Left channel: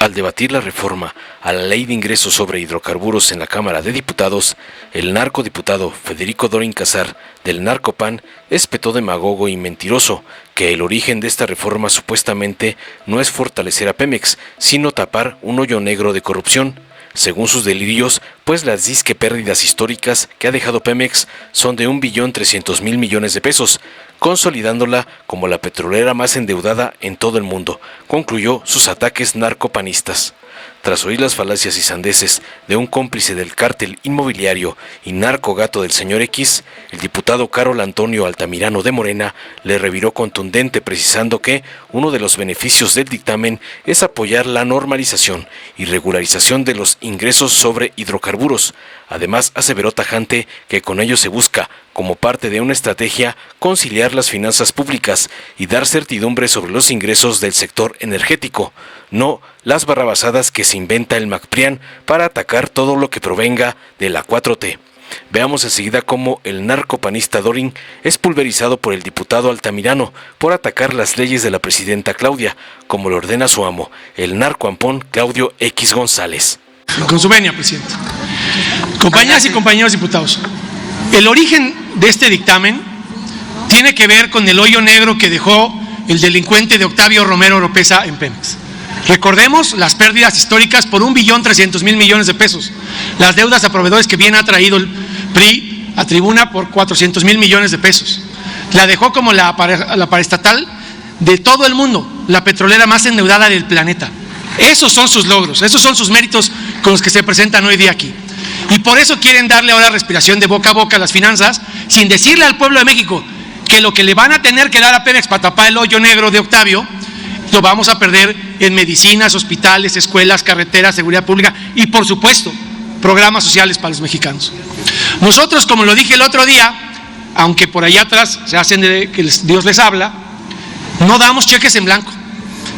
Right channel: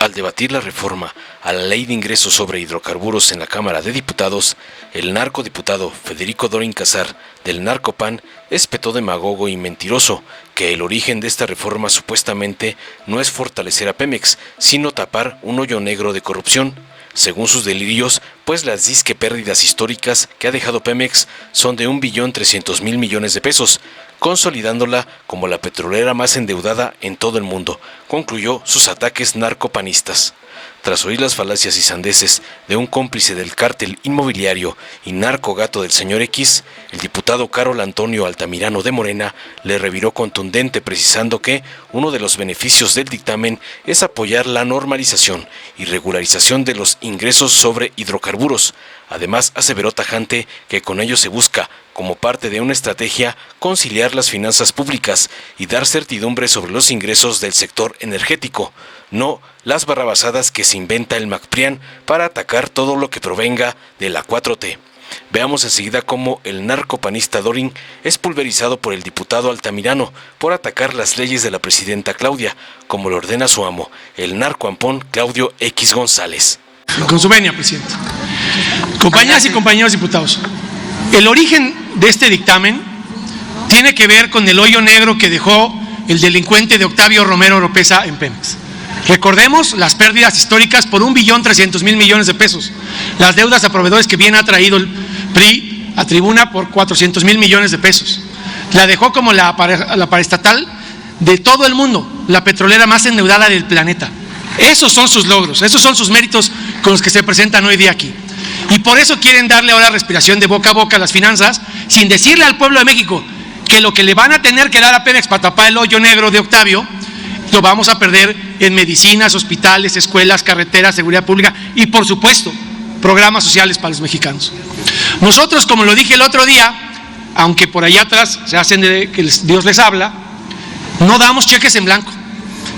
Al debatir la reforma a la Ley de Ingresos sobre Hidrocarburos en la Cámara de Diputados, el narcodiputado Federico Dorin Casar, del Narcopan, espetó demagogo y mentiroso que el origen de esta reforma supuestamente no es fortalecer a Pemex, sino tapar un hoyo negro de corrupción. Según sus delirios, pues las disque pérdidas históricas que ha dejado Pemex son de 1.300.000 millones de pesos, consolidándola como la petrolera más endeudada en todo el mundo, concluyó sus ataques narcopanistas. Tras oír las falacias y sandeces de un cómplice del cártel inmobiliario y narcogato del señor X, el diputado Carol Antonio Altamirano de Morena le reviró contundente precisando que uno de los beneficios del dictamen es apoyar la normalización y regularización de los ingresos sobre hidrocarburos. Además, aseveró tajante que con ello se busca, como parte de una estrategia, conciliar las finanzas públicas y dar certidumbre sobre los ingresos del sector energético, no las barrabasadas que se inventa el MacPrian para atacar todo lo que provenga de la 4T. Veamos enseguida cómo el narcopanista Dorin es pulverizado por el diputado Altamirano por atacar las leyes de la presidenta Claudia, como lo ordena su amo, el narcoampón Claudio X González. Con su venia, presidente. Compañeras y compañeros diputados, el origen de este dictamen tiene que ver con el hoyo negro que dejó el delincuente de Octavio Romero Oropeza en Pemex. Recordemos las pérdidas históricas por 1.300.000 millones de pesos, las deudas a proveedores que bien ha traído el PRI a tribuna por 400.000 millones de pesos. La dejó como la paraestatal de todo el mundo, la petrolera más endeudada del planeta. Esos son sus logros, esos son sus méritos con los que se presentan hoy día aquí. Y por eso quieren darle ahora respiración de boca a boca a las finanzas, sin decirle al pueblo de México que lo que le van a tener que dar a Pemex para tapar el hoyo negro de Octavio, lo vamos a perder en medicinas, hospitales, escuelas, carreteras, seguridad pública y, por supuesto, programas sociales para los mexicanos. Nosotros, como lo dije el otro día, aunque por allá atrás se hacen de que Dios les habla, no damos cheques en blanco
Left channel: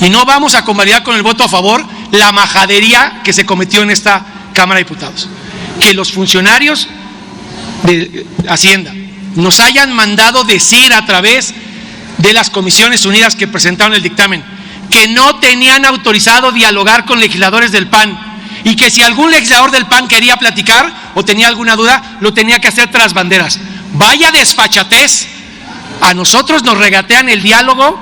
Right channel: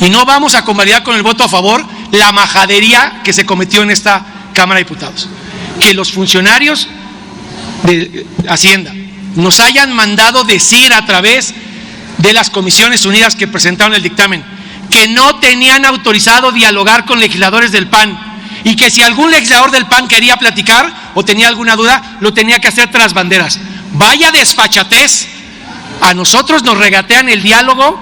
y no vamos a convalidar con el voto a favor la majadería que se cometió en esta Cámara de Diputados. Que los funcionarios de Hacienda nos hayan mandado decir a través de las Comisiones Unidas que presentaron el dictamen que no tenían autorizado dialogar con legisladores del PAN y que si algún legislador del PAN quería platicar o tenía alguna duda, lo tenía que hacer tras banderas. Vaya desfachatez, a nosotros nos regatean el diálogo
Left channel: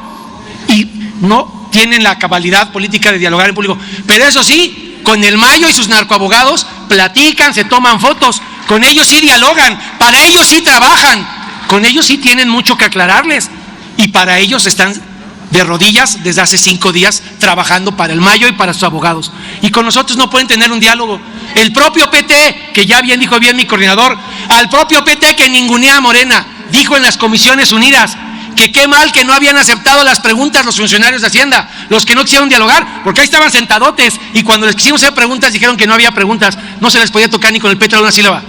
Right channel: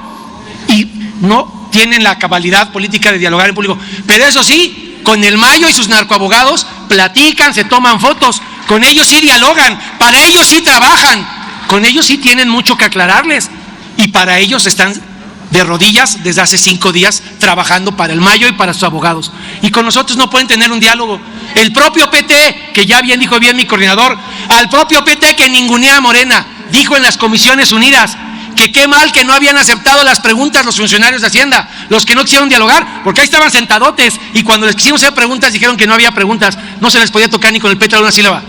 y no tienen la cabalidad política de dialogar en público, pero eso sí, con el Mayo y sus narcoabogados platican, se toman fotos, con ellos sí dialogan, para ellos sí trabajan, con ellos sí tienen mucho que aclararles y para ellos están de rodillas desde hace 5 días trabajando para el Mayo y para sus abogados. Y con nosotros no pueden tener un diálogo. El propio PT, que ya bien dijo bien mi coordinador, al propio PT que ningunea a Morena, dijo en las Comisiones Unidas que qué mal que no habían aceptado las preguntas los funcionarios de Hacienda, los que no quisieron dialogar, porque ahí estaban sentadotes y cuando les quisimos hacer preguntas dijeron que no había preguntas, no se les podía tocar ni con el petro de una sílaba.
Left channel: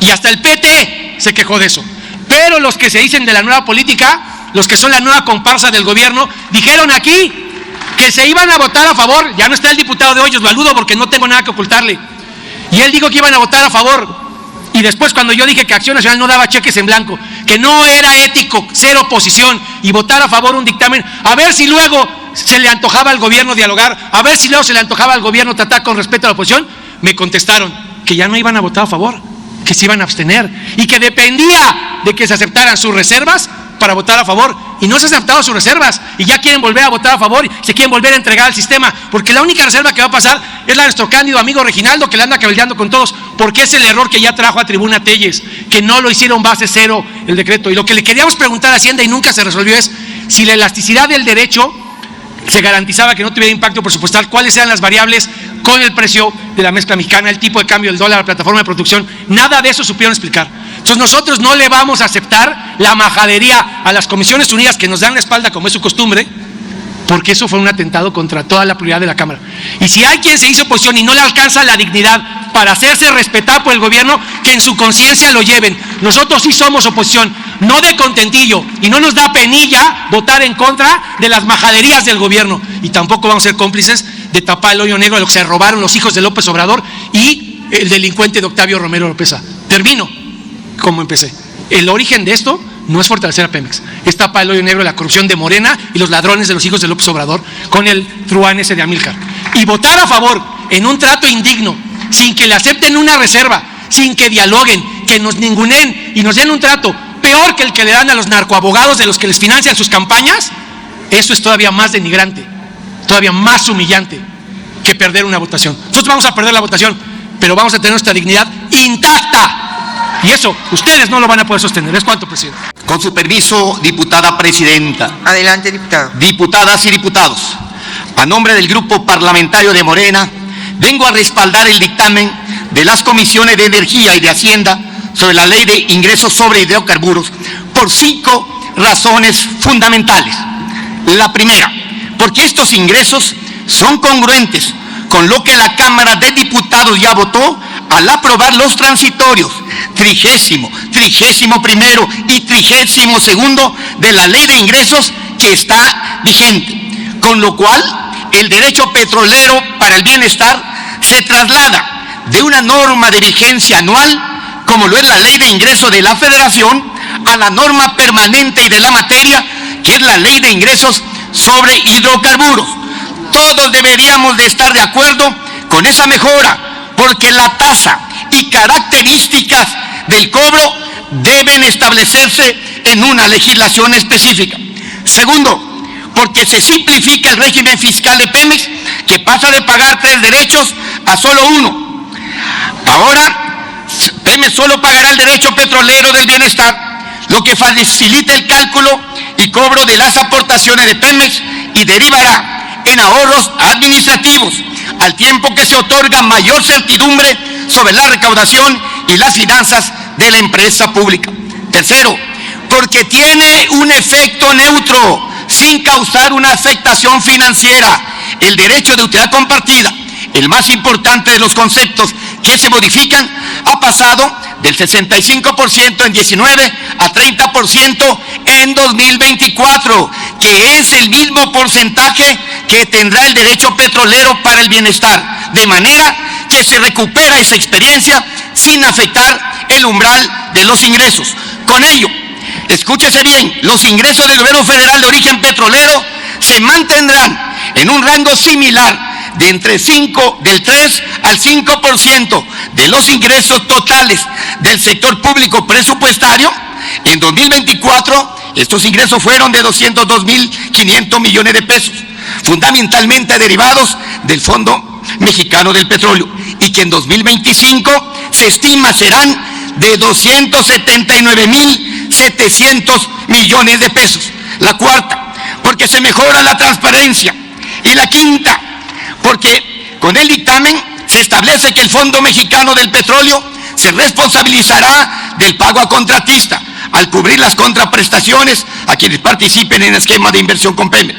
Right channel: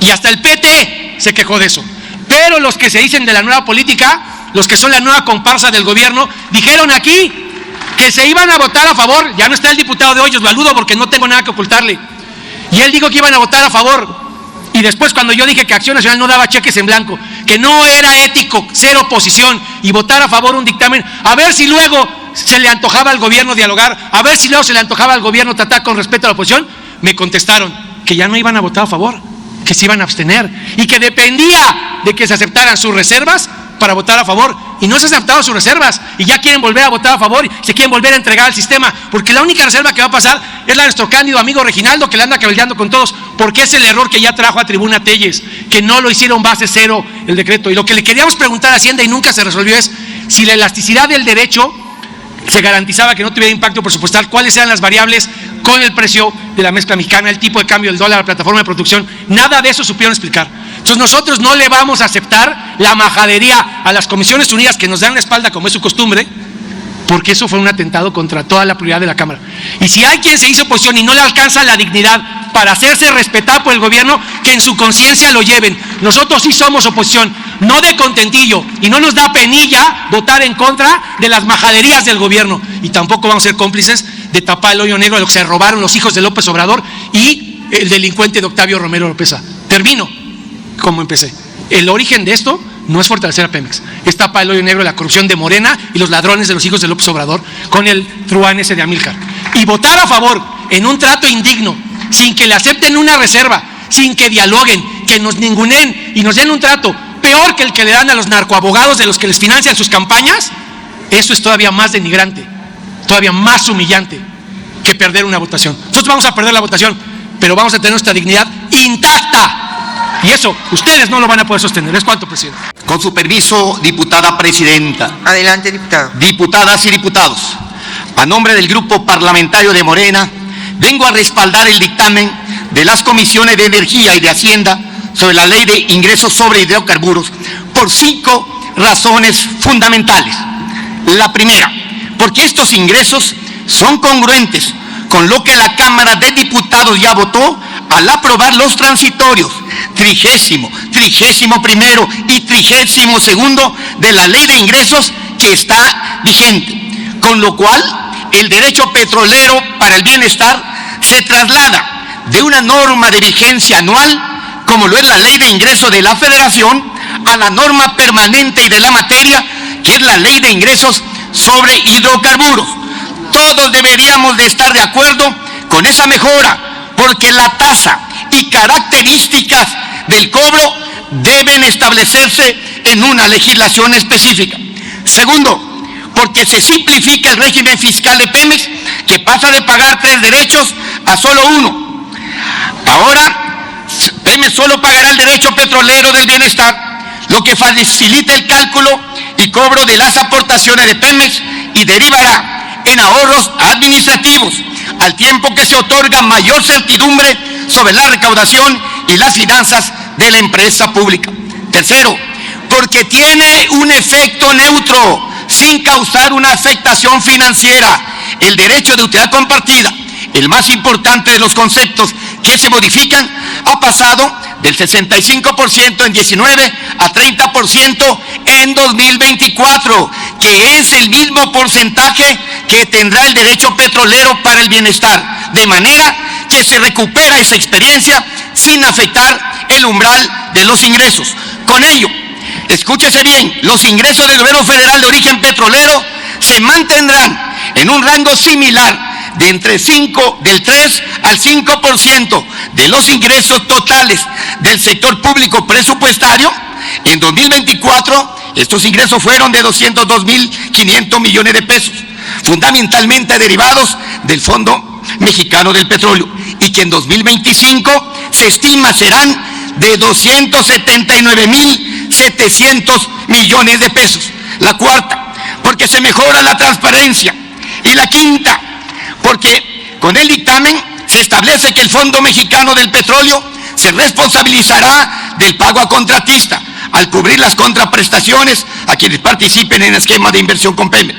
Y hasta el PT se quejó de eso. Pero los que se dicen de la nueva política, los que son la nueva comparsa del gobierno, dijeron aquí que se iban a votar a favor. Ya no está el diputado de Hoyos, Maludo, porque no tengo nada que ocultarle. Y él dijo que iban a votar a favor. Y después cuando yo dije que Acción Nacional no daba cheques en blanco, que no era ético ser oposición y votar a favor un dictamen, a ver si luego se le antojaba al gobierno dialogar, a ver si luego se le antojaba al gobierno tratar con respeto a la oposición, me contestaron que ya no iban a votar a favor, que se iban a abstener y que dependía de que se aceptaran sus reservas para votar a favor, y no se aceptaron sus reservas y ya quieren volver a votar a favor, se quieren volver a entregar al sistema, porque la única reserva que va a pasar es la de nuestro cándido amigo Reginaldo, que le anda cabildeando con todos, porque es el error que ya trajo a tribuna Telles, que no lo hicieron base cero el decreto. Y lo que le queríamos preguntar a Hacienda y nunca se resolvió es si la elasticidad del derecho se garantizaba que no tuviera impacto presupuestal, cuáles eran las variables con el precio de la mezcla mexicana, el tipo de cambio del dólar, la plataforma de producción, nada de eso supieron explicar. Entonces nosotros no le vamos a aceptar la majadería a las Comisiones Unidas que nos dan la espalda como es su costumbre, porque eso fue un atentado contra toda la prioridad de la Cámara. Y si hay quien se hizo oposición y no le alcanza la dignidad para hacerse respetar por el gobierno, que en su conciencia lo lleven. Nosotros sí somos oposición, no de contentillo, y no nos da penilla votar en contra de las majaderías del gobierno, y tampoco vamos a ser cómplices de tapar el hoyo negro de lo que se robaron los hijos de López Obrador y el delincuente de Octavio Romero Oropeza. Termino como empecé. El origen de esto no es fortalecer a Pemex, es tapar el hoyo negro de la corrupción de Morena y los ladrones de los hijos de López Obrador con el truán ese de Amílcar. y votar a favor en un trato indigno, sin que le acepten una reserva, sin que dialoguen, que nos ninguneen y nos den un trato peor que el que le dan a los narcoabogados de los que les financian sus campañas, eso es todavía más denigrante, todavía más humillante que perder una votación. Nosotros vamos a perder la votación, pero vamos a tener nuestra dignidad intacta. Y eso, ustedes no lo van a poder sostener. ¿Es cuánto, presidente? Con su permiso, diputada presidenta. Adelante, diputado. Diputadas y diputados, a nombre del Grupo Parlamentario de Morena, vengo a respaldar el dictamen de las Comisiones de Energía y de Hacienda sobre la Ley de Ingresos sobre Hidrocarburos por 5 razones fundamentales. La primera, porque estos ingresos son congruentes con lo que la Cámara de Diputados ya votó al aprobar los transitorios 30º, 31º y 32º de la Ley de Ingresos que está vigente, con lo cual el derecho petrolero para el bienestar se traslada de una norma de vigencia anual, como lo es la Ley de Ingresos de la Federación, a la norma permanente y de la materia, que es la Ley de Ingresos sobre Hidrocarburos. Todos deberíamos de estar de acuerdo con esa mejora, porque la tasa y características del cobro deben establecerse en una legislación específica. Segundo, porque se simplifica el régimen fiscal de Pemex, que pasa de pagar 3 derechos a solo 1. Ahora, Pemex solo pagará el derecho petrolero del bienestar, lo que facilita el cálculo y cobro de las aportaciones de Pemex y derivará en ahorros administrativos, al tiempo que se otorga mayor certidumbre sobre la recaudación y las finanzas de la empresa pública. Tercero, porque tiene un efecto neutro, sin causar una afectación financiera. El derecho de utilidad compartida, el más importante de los conceptos que se modifican, ha pasado del 65% en 19 a 30% en 2024, que es el mismo porcentaje que tendrá el derecho petrolero para el bienestar, de manera que se recupera esa experiencia sin afectar el umbral de los ingresos. Con ello, escúchese bien, los ingresos del gobierno federal de origen petrolero se mantendrán en un rango similar de entre del 3 al 5% de los ingresos totales del sector público presupuestario. En 2024, estos ingresos fueron de 202.500 millones de pesos, fundamentalmente derivados del Fondo Mexicano del Petróleo, y que en 2025 se estima serán de 279.700 millones de pesos. La cuarta, porque se mejora la transparencia. Y la quinta, porque con el dictamen se establece que el Fondo Mexicano del Petróleo se responsabilizará del pago a contratista al cubrir las contraprestaciones a quienes participen en el esquema de inversión con Pemex,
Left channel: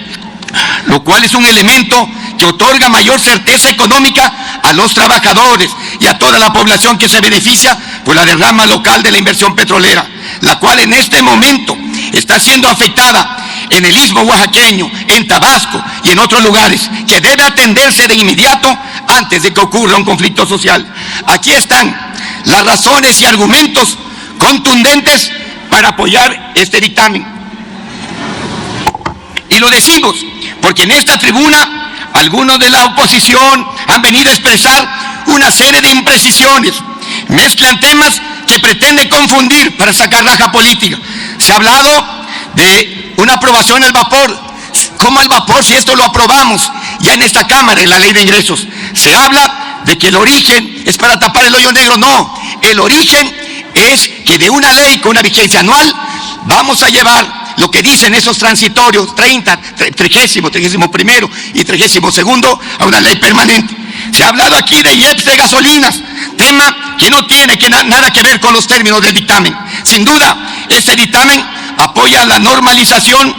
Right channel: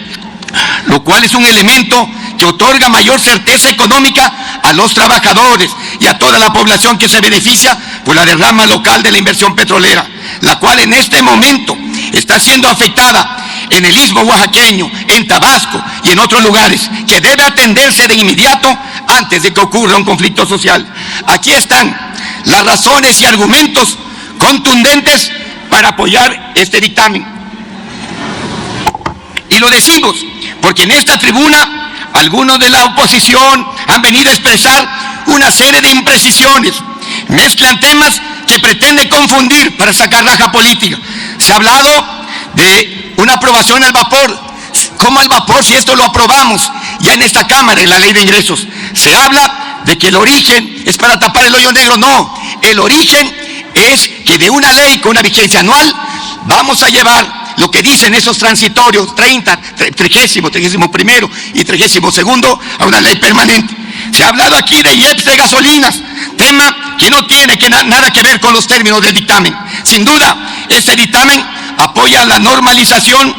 lo cual es un elemento que otorga mayor certeza económica a los trabajadores y a toda la población que se beneficia por la derrama local de la inversión petrolera, la cual en este momento está siendo afectada en el istmo oaxaqueño, en Tabasco y en otros lugares, que debe atenderse de inmediato antes de que ocurra un conflicto social. Aquí están las razones y argumentos contundentes para apoyar este dictamen. Y lo decimos porque en esta tribuna algunos de la oposición han venido a expresar una serie de imprecisiones, mezclan temas que pretenden confundir para sacar raja política. Se ha hablado de una aprobación al vapor. ¿Cómo al vapor si esto lo aprobamos ya en esta Cámara, en la Ley de Ingresos? Se habla de que el origen es para tapar el hoyo negro. No, el origen es que de una ley con una vigencia anual vamos a llevar lo que dicen esos transitorios 30, 30º, 31º y 32º a una ley permanente. Se ha hablado aquí de IEPS de gasolinas, tema que no tiene nada que ver con los términos del dictamen. Sin duda, este dictamen apoya la normalización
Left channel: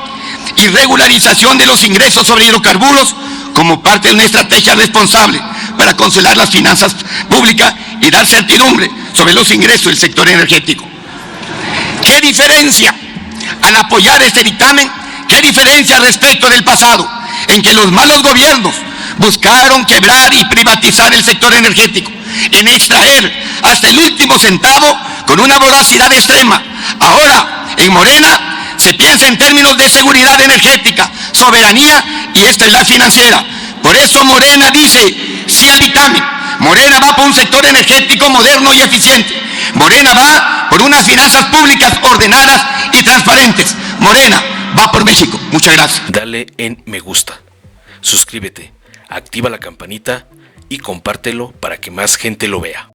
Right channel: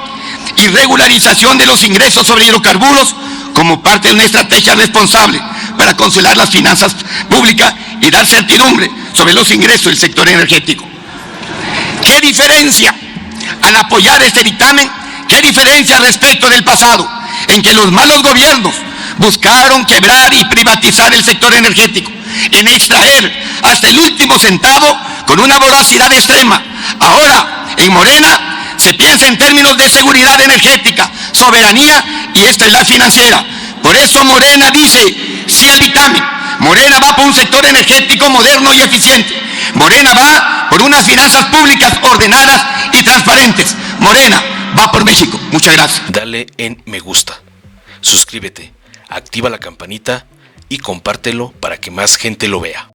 y regularización de los ingresos sobre hidrocarburos como parte de una estrategia responsable para consolar las finanzas públicas y dar certidumbre sobre los ingresos del sector energético. ¿Qué diferencia al apoyar este dictamen? ¿Qué diferencia respecto del pasado, en que los malos gobiernos buscaron quebrar y privatizar el sector energético, en extraer hasta el último centavo con una voracidad extrema? Ahora, en Morena, se piensa en términos de seguridad energética, soberanía y estabilidad financiera. Por eso Morena dice, sí al dictamen. Morena va por un sector energético moderno y eficiente. Morena va por unas finanzas públicas ordenadas y transparentes. Morena va por México. Muchas gracias. Dale en me gusta, suscríbete, activa la campanita y compártelo para que más gente lo vea.